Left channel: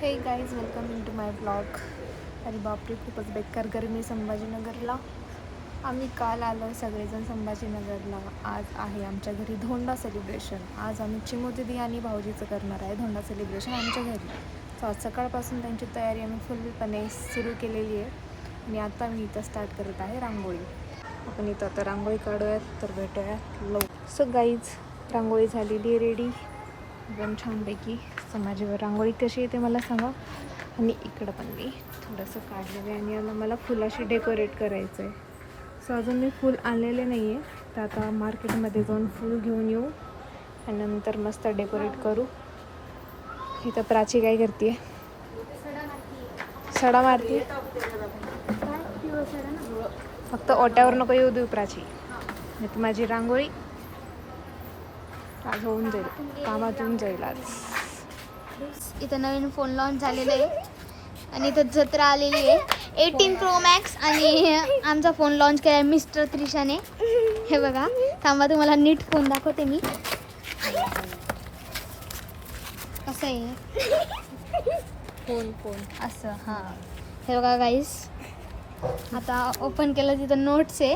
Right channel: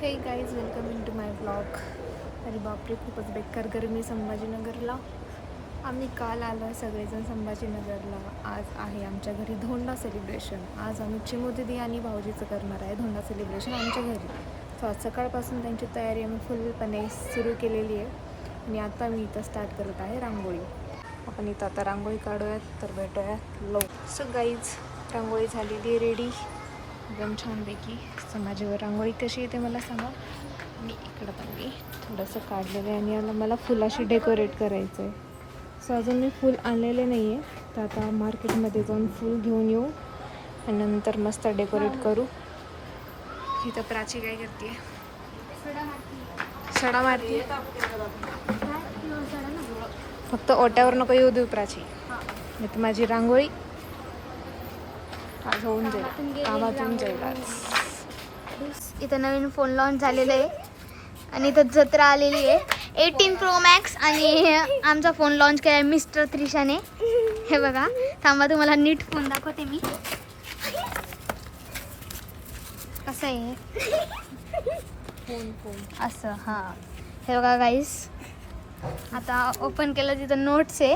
हे guys welcome into my blog. अरे बापरे, खूपच बेकार गरमी संभाजीनगरला. आम्ही काल आलो आहे सगळेजण संभाजीनगरला. आज आहे आमच्या घरी धोंडा सेलिब्रेशन. आज आम्ही चिमू आणि भाऊजीचं करणार आहे धोंडा सेलिब्रेशन आमच्या घरी. सो आज सकाळपासून त्यांची तयारी आम्ही फुलपणे सुरू केलेली आहे. आणि आता मी इथं स्टार्ट करत आहे रांगोळी. आपण इथं आता रांगोळी काढूयात तर भेटूयात सो गाईज, रांगोळी झालेली आहे रेडी एकदम छानपैकी. सो माझ्यावर रांगोळी कशी येते मला सांगा. आणि इकडं पण मी थोडंसं काढलेलं आहे आणि याला मला फुलाशी डेकोरेट करायचं आहे. सो अजून मी फूल आणलेले नाही आहे, तर आता मार्केटमध्ये जाऊन फूल घेऊन येऊ आणि नंतर मस्त डेकोरेट करू. इथं प्राची काय करते? सडा मारती. फक्त ओट्यावर नको येऊ देऊ प्राची, नाही तर माझी रांगोळी आज होऊन जाईल, कामातून जाईल आज. इथं नवीन फोन लॉन्च झालेला आहे आणि इथं जत्रा आलेली आहे 18 Pro Max आणि आमचा फोन लॉन्च केला आहे मिस्टर त्रिशाने. हे बघा, थांबा तुम्हाला नीट फोन दाखवते मी कसं आहे फोन असं. हां, हे बघा गाईस, आता ओपन केलं तिथं नोट्स आहे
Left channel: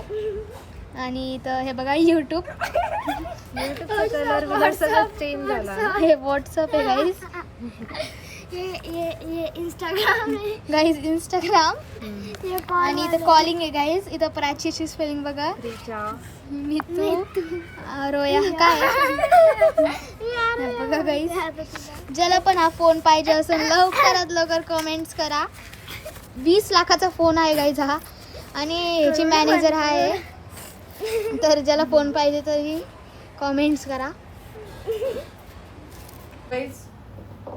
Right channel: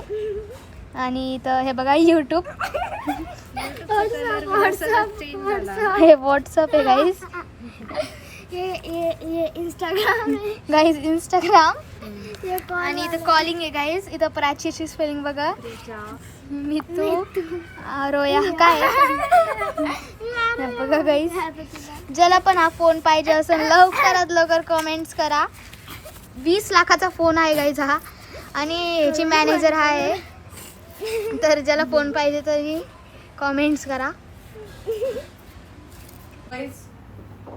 आणि इथं हे बघा यूट्यूब, हे व्हॉट्सअप आहे गाईस, ये इंस्टाग्राम गाईस, इंस्टाग्राम. आणि इथं कॉलिंग आहे गाईस. इथं प्राचीची स्पेलिंग बघा, मितू रोया काय बघा गाईस. ज्याला पण हा फोन पाहिजे असेल लवकरात लवकर कमेंट्स करा. 20 लाखाचा फोन आहे गाईस हा. आणि याची मॅनेजर हा आहे, तर ज्याला फोन पाहिजे तरी कमेंट्स करा.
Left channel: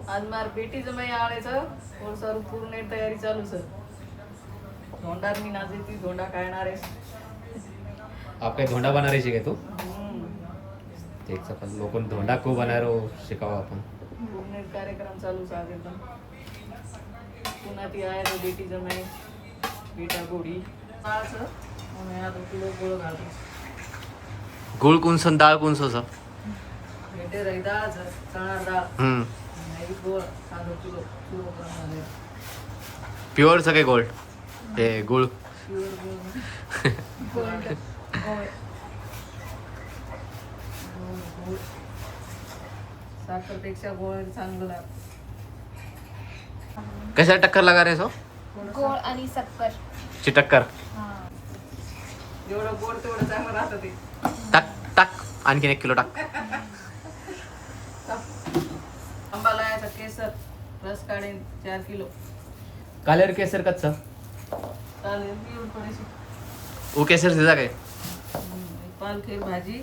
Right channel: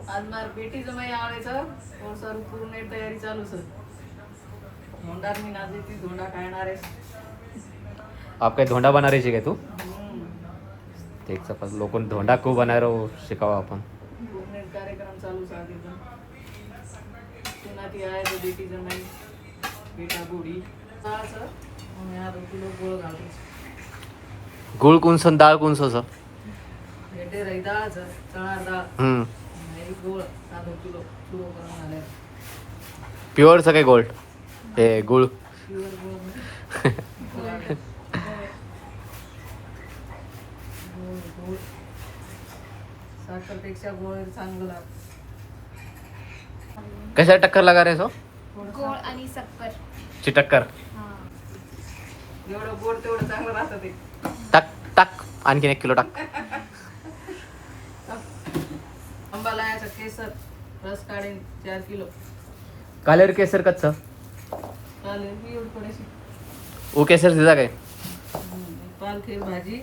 आज मार बेटी जमाई आवडायचं और सर पूर्ण तयारी चालू सर. धोंडार मी नाजी ती धोंडा खाणार आहे. आप काही धोंडा बना रही है क्या तू? देख सका लोगों ने धोंडा को बना रहे हो शिकावा अपन. पूर्ण कार्यक्रम चालू साधे पण पुन्हा ती आहे तो बेटी जमाई बेटा गोडी असं आम्ही आता किलो गुळ घालतो. गुळ कुंसन डाळ कुंसो सा भेटे रही डाळचं चणार डाळ आणि गोळ तांदूळ किलो किलो घालणार. प्युअर सगळे गोल्ड हे गुळ. साखरपेक्षा गोळ चांगलं लागतं. कैसा टक्कर लगा रहे सो? गोळ आणि सक्कर ची टक्कर. जेवढं गोड तेवढं चांगलं राहतं ते. टाक टाक आणखीन 1 किलो टाक. आंबा लायाचा केसर रस काढेन 4 किलो. कालेर केसर कच्चा चालेल मी एवढं थोडीशी ओ केसर दिला काय? पालखेर भाजी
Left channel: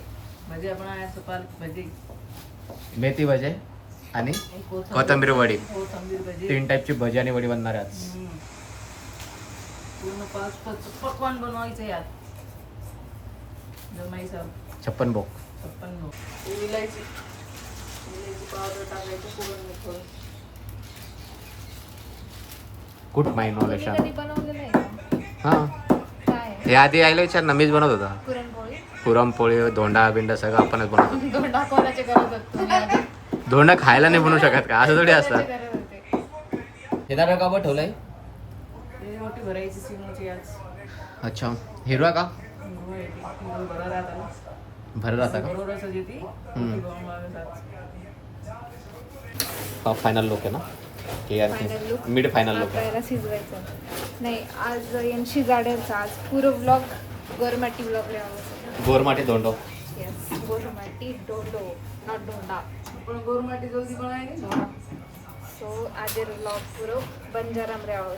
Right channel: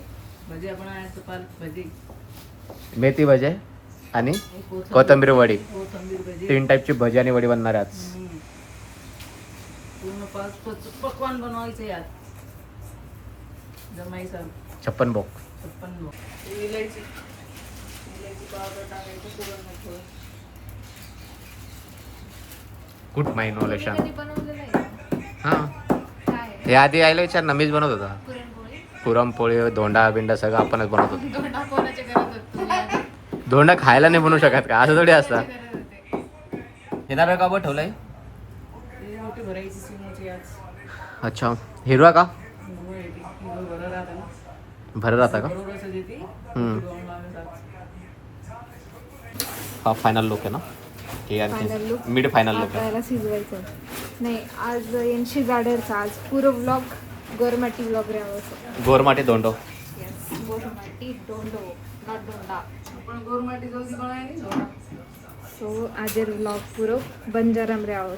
भजी आपण आणायचं पालक भजी मेथी भजी आणि कोथिंबीर वडी. कोथिंबीर भजी 3 टाईपची भजी आणि वडी बनणार आहे आज. पूर्ण 5 पकवान बनवायचं यात. जमाई सर 56 बोक. 56 इलायची पावडर टाकायची सुगंध थोडं. गुड माय नॉलेज. कधी बनवलेलं आहे का? हां, काय हे आधी आयला विचार ना, मीच बनवत होता. पुरणपोळी. पुरणपोळी धोंडा बिंडा सगळं आपणच बनवत होतो. धोंडा कोणाचे करत होत तुम्ही आधी? धोंडा खायला नाही बनवू शकत का? असं थोडी असतं. कोणाचे करत होते? हे दाबे का ठेवलंय? ते मोठी भरायची सिमोची आज. अच्छा, हिरवा का किलो भरा राहता ना. भरत राहता का? बरोबरच येते. हम्म. दोन लागतात. हा फायनल लुक आहे ना? हे Final आणखी look. मिड फायनल लुक आहे. आपल्याला शिजवायचं नाही. आज यांची गाड्याचा आज पुरं ब्लॉग गोरमाटी ब्लॉग राहावं. गोरमाटी धोंडो. येस, गोरमाटी डोंडो नॉट डोंडा. पण गोरमाटी जल्दी बनायली. सो आज ब्लॉग पुरं बंजाराम राहावं.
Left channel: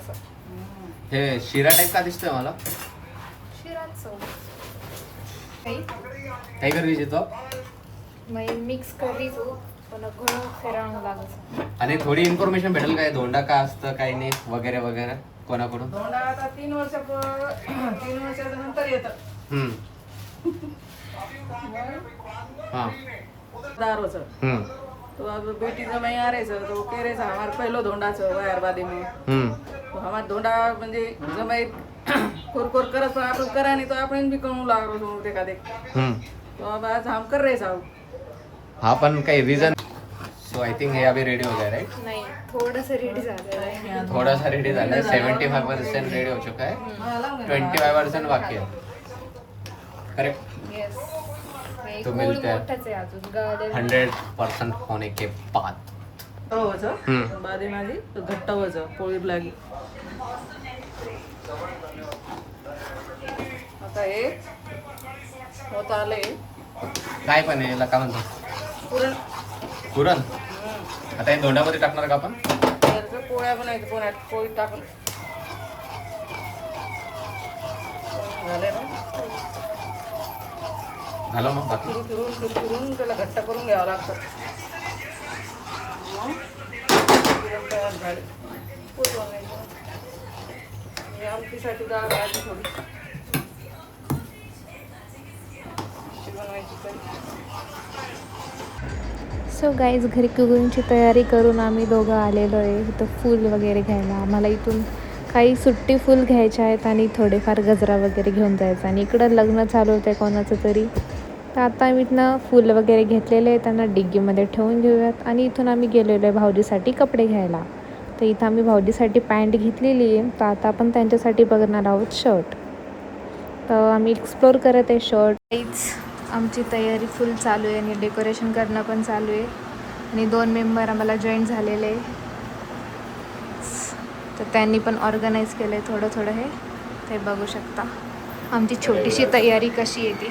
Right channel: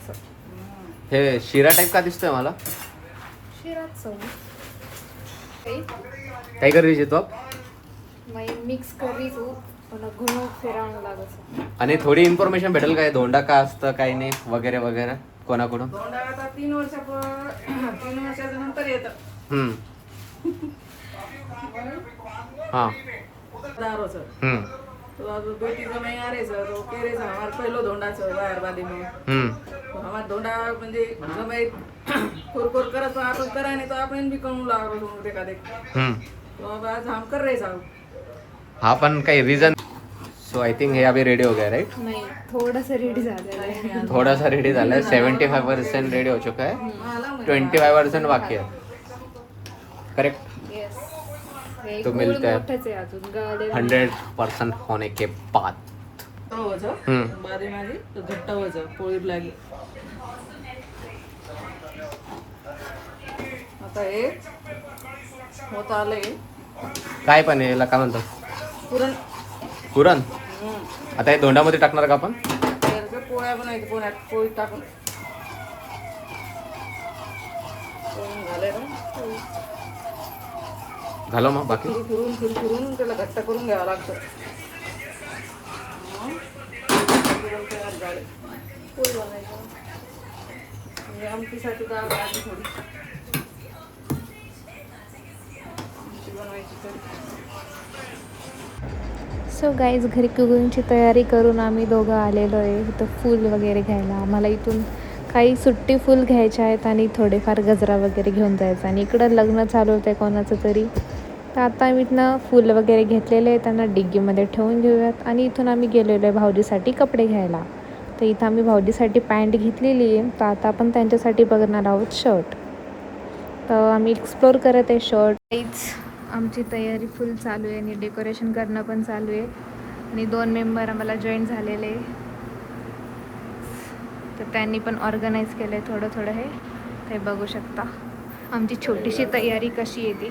हे शिरा टाईप का दिसतोय मला? शिरात सो काही काय करायची तो? मिक्स करी तू पण घणं फिरावं लागत. आणि थोडी इन्फॉर्मेशन भेटेल काय धोंडा का असतं काय नाही वगैरे वगैरे कोणाकडून? धोंडा आता 3 वर्षाच्या नंतर येतं. हां. दारोचं तो अब बेटी जमाई आ रहे तो कह रहे हमार पहलो धोंडा छ वायरबादी में. तो हमार धोंडा म्हणजे जमाई कोर करत पण आपण करा नाही तो आपण बी करू लागलो ते का देख. तो अब आज हम कर रहे साहब. हा पण काही रिझन सो आई थिंक हे अभी रेडी हो गए राइट, नाही थोडंसं रेडी झालेलं आहे. थोड़ा सा रेडी झालं. 75% रेडी हो चुका है, 25% बाकी है. करेक्ट. येस. तो मिलता है मोठंच आहे अजून गाड्या 100% होने के बाद. बादी माझी घट्ट व्हायचं पोळी लागी. आता हे होत आले काय पण आहे याला काय म्हणतो, पुरण. पुरण. आता हे धोंडामध्ये टाकणार का आपण? त्याचं पोळ्या बनायचं, पोळ्यात पोळी टाकून झाले ना. झालं मग बाकी. फिरून त्याला घट्ट करून घ्यावं लागतं. पुरण तयार झाले. पोळी बनवायचं. ही आमटीसाठी डाळ घालायची थोडी. आमटी बनवायची कधी. सो गाईज घरी कुकिंगची तयारी करून आम्ही दोघं आलेलो आहे इथं फूल वगैरे घ्यायला. आम्हाला इथून काही सुट्टी फूल घ्यायचे आहेत आणि थोडेफार गजरा वगैरे घेऊन जायचं. आणि इकडं लग्न चालू होतं आहे कोणाचं तरी, तर आता आम्ही इथनं फूल वगैरे घेतलेले आहे, त्यांना डिग्गीमध्ये ठेवून घेऊयात. आणि इथून आम्ही गेलेलो आहे भाऊजीसाठी कपडे घ्यायला. तर इथं आम्ही भाऊजीसाठी पॅन्ट घेतलेली आहे, तर आता आपण त्यांच्यासाठी बघणार आहोत शर्ट. तर आम्ही एक्सप्लोर करत आहे शर्ट. काहीच आमची तयारी फुल चालू आहे आणि डेकोरेशन करणं पण चालू आहे. आणि 2 मेंबर आम्हाला जॉईन झालेले, तर त्यांनी पण ऑर्गनाईज केलं आहे थोडं हे. ते बघू शकता आमची छोटीशी तयारी कशी आहे ती.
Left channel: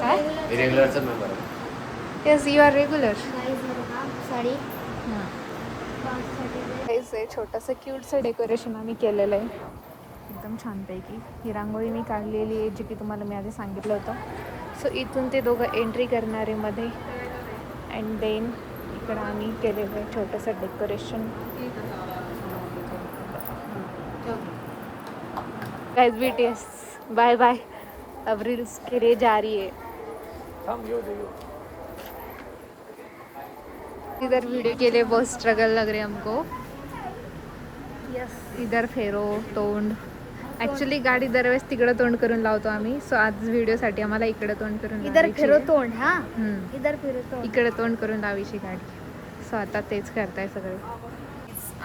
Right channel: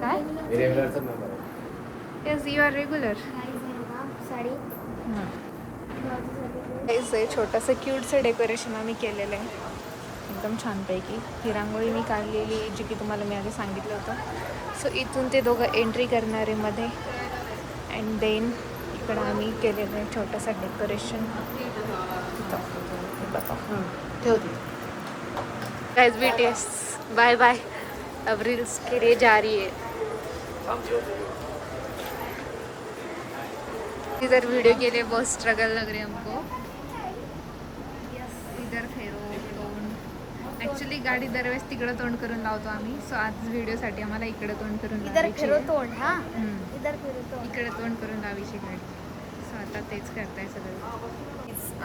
काय? रेग्युलरचं member. Yes, you are regular. Sari हेच आहे छोटंसं क्यूटचं डेकोरेशन आम्ही केलेलं आहे एकदम छानपैकी. ही रांगोळी मी काढलेली आहे जी की तुम्हाला मी आधी सांगितलं होतं. सो इथून ते दोघं एंट्री करणारे मध्ये, अँड देन इकडं आम्ही केलेलं आहे छोटंसं decoration. Guys BTS bye bye, अब रील्स के लिए जा रही है. इधर वीडियो के लिए बहुत स्ट्रगल लग रही है हमको. इधर फेरो तोंड. ॲक्च्युली गाडी दरवेळेस तिकडं तोंड करून लावतो आम्ही. सो आज व्हिडिओसाठी आम्हाला इकडं तोंड करून लावायची आहे. तोंड. हां, इधर फिरो तोंड. इकडं तोंड करून लावायची गाडी. सो आता तेच करताय सगळे.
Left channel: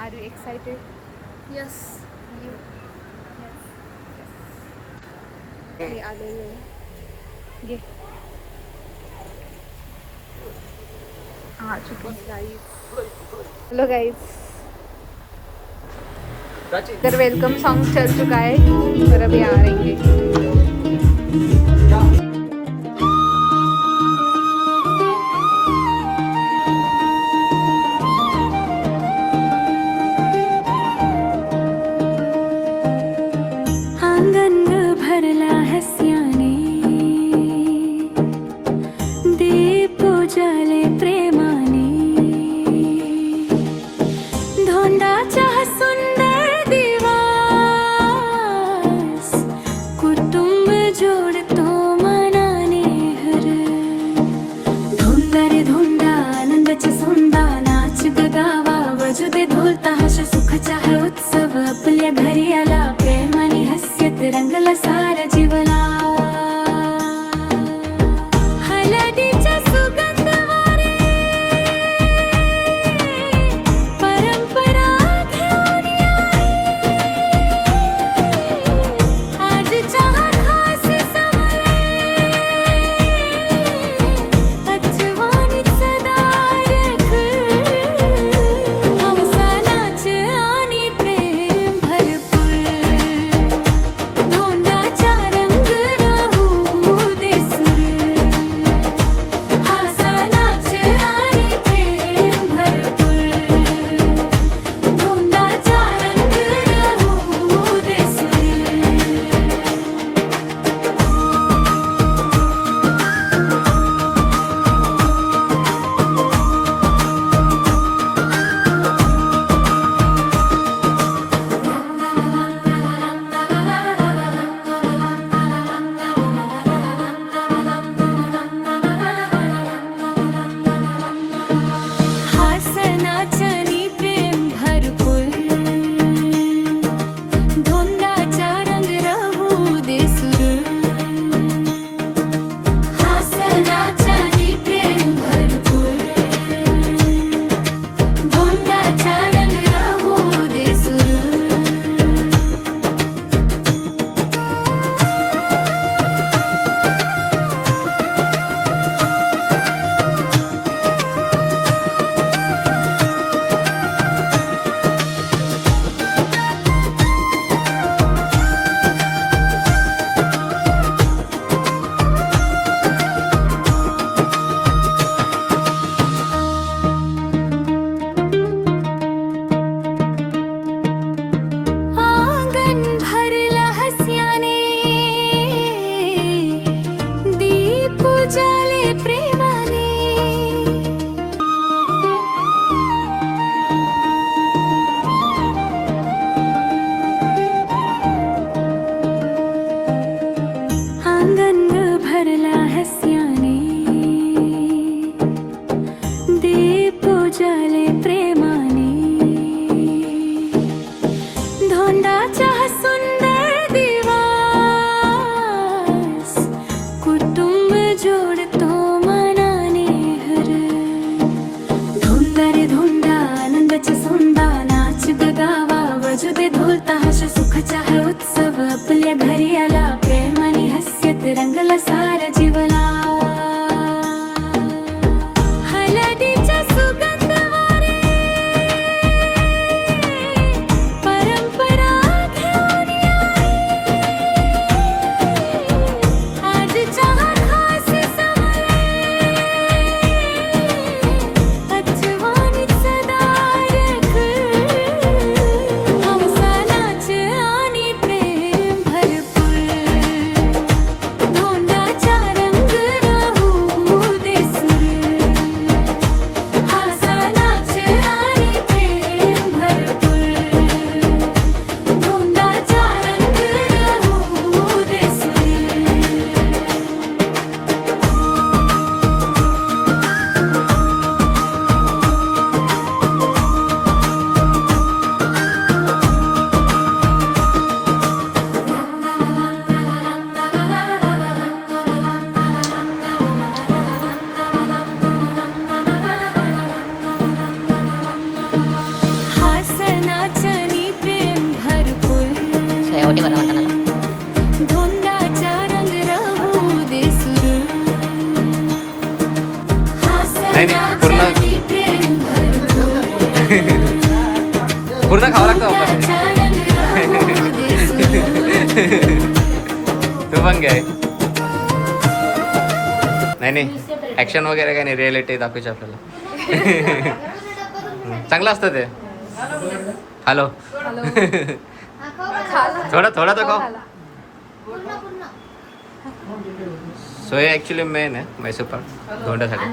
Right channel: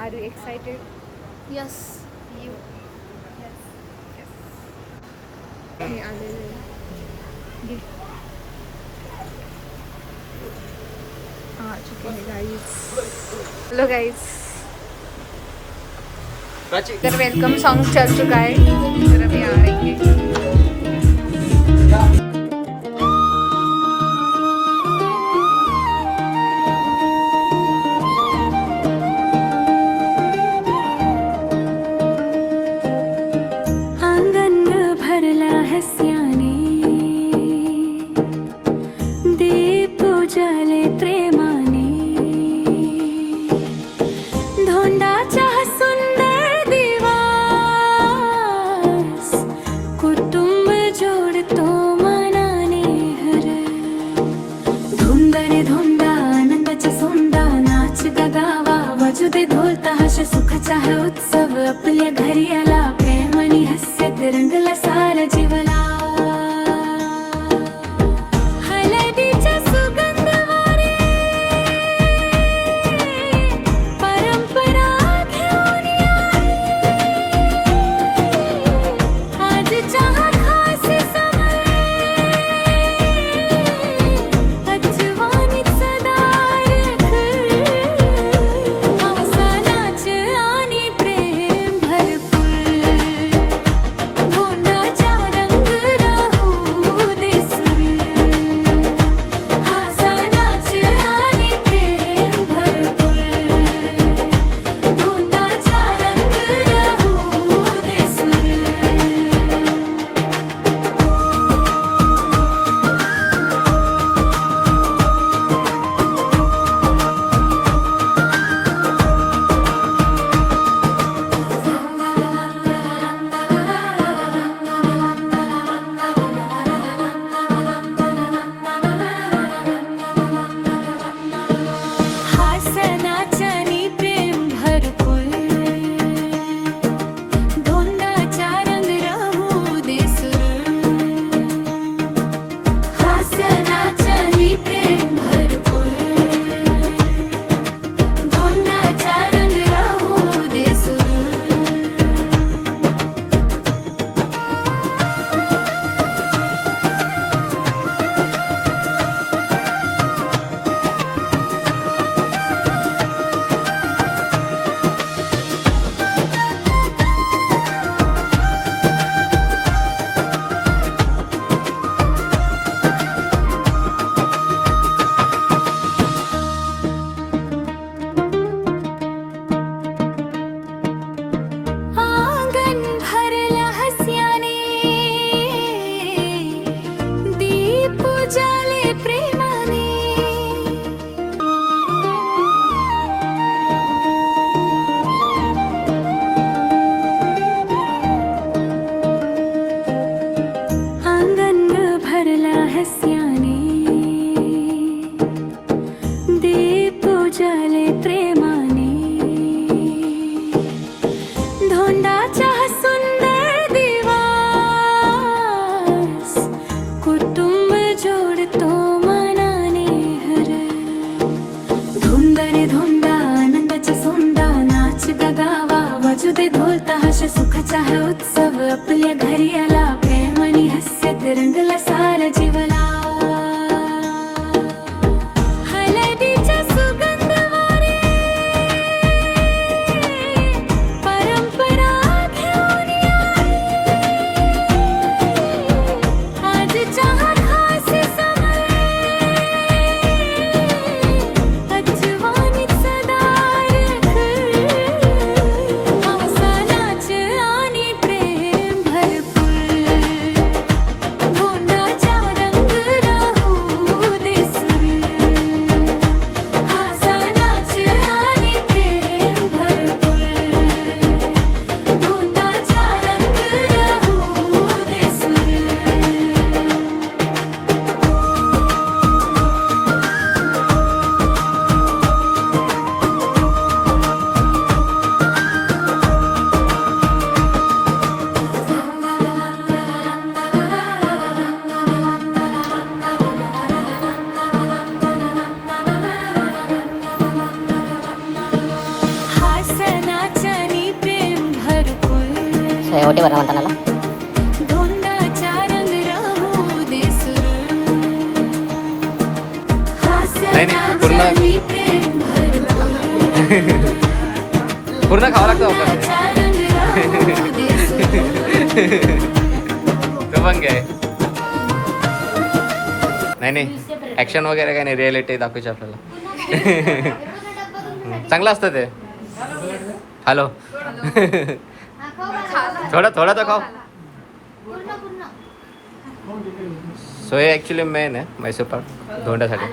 Are you excited? Yes. You. हे आलेले आ चुके हैं गाइस. हेलो गाइस, इधर वेलकम सॉन्ग चल चुका है, इधर अभी आ रही है. आंगन भरला हस्याने, दीप उजाले प्रेमाने, धोंडाच्या सुंदर दिवास, कुटुंब जोडतो मनाने हर. धुंदा रे धुंदा आनंदाच्या सोंदा, नाच गगावा वाजू दे ढोल ताशा, सुखाचा है उत्सव आपल्या घरी आला. प्रेमाने हस्यत रंगला सारा जीवला, हळदीचा सुगंध वारे, परंपरा घेऊन आई. आज चहा खास समय, आठवणीत सदा रख. हौसा नाच आणि प्रेम भरपूर, धोंडाचा रंग राहू दे सुर. हौसा नाच हास्याने दीप उजळले प्रेमाने धोंडाचा हा सुंदर दिवस कुटुंब जोडतो मनाने हर धुंद रे धुंदा आनंदाचा सोंदा नाच गगावा वाजू दे ढोल ताश सुखाचा है उत्सव आपल्या घरी आला प्रेम आणि हास्यात रंगला सारा जीवला हळदीचा सुगंध वारे परंपरा घेऊन आई आजचा हा खास समय आठवणीत सदा राख आमचा नाच आणि प्रेम भरपूर धोंडाचा रंग राहू दे सुर आमचा नाच आणि प्रेम भरपूर धोंडाचा रंग राहू दे सुर हासनाच्यानी प्रेम भरपूर ओटीवर म्हणताना धोंडाचा रंग राहू दे सुरू नाही, पूर्ण- हासनाच्यानी प्रेम भरपूर पूर्ण खावं लागतं वापस धोंडाचा रंग राहू दे सुरू तू पण घ्याय नाही ऍक्शन वगैरे काय नाही रिअलिटी दाखवायची आपल्याला चांगलं असतं ते हॅलो थोडा तर खाओ सो हे ॲक्च्युली मेन आहे मैसूर पाक धोंड्यासाठी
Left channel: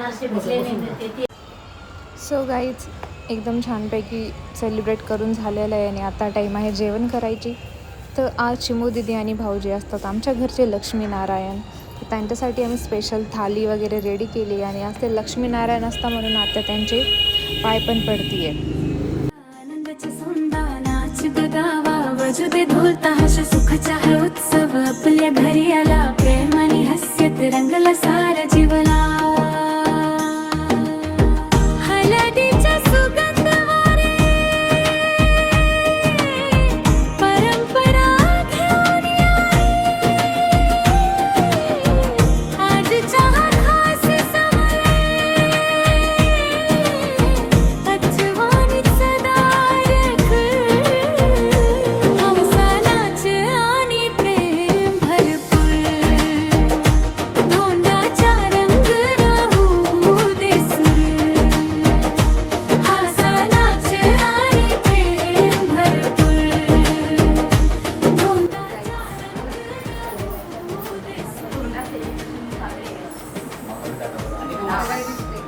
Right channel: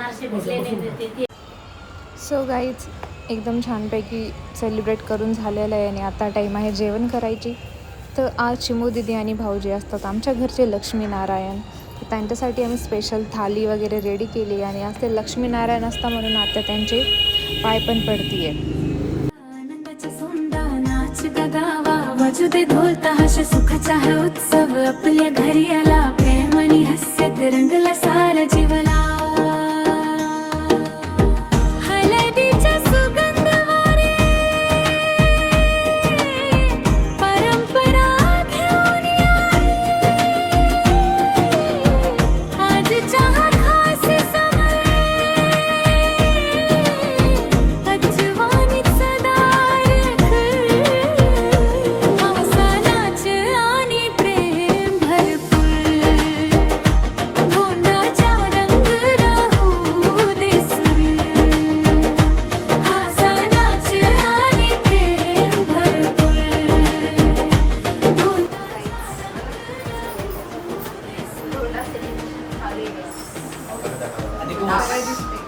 सो गाईज एकदम छानपैकी सेलिब्रेट करून झालेलं आहे आणि आता टाईम आहे जेवण करायची. तर आज चिमू दिदी आणि भाऊजी असतात आमच्या घरचे लक्ष्मीनारायण. तर त्यांच्यासाठी आम्ही स्पेशल थाली वगैरे रेडी केली आणि आज ते लक्ष्मीनारायण असता म्हणून आता त्यांचे पाय पण पडतीये. आनंदाचा सोंदा नाच गगावा वाजू दे ढोल ताश सुखाचा है उत्सव आपल्या घरी आला प्रेम आणि हास्यात रंगला सारा जीवला हळदीचा सुगंध वारे परंपरा घेऊन आई आजचा हा खास समय आठवणीत सदा राख आमचा नाच आणि प्रेम भरपूर धोंडाचा रंग राहू दे सुर आमचा नाच आणि प्रेम भरपूर धोंडाचा सकाळी दिसते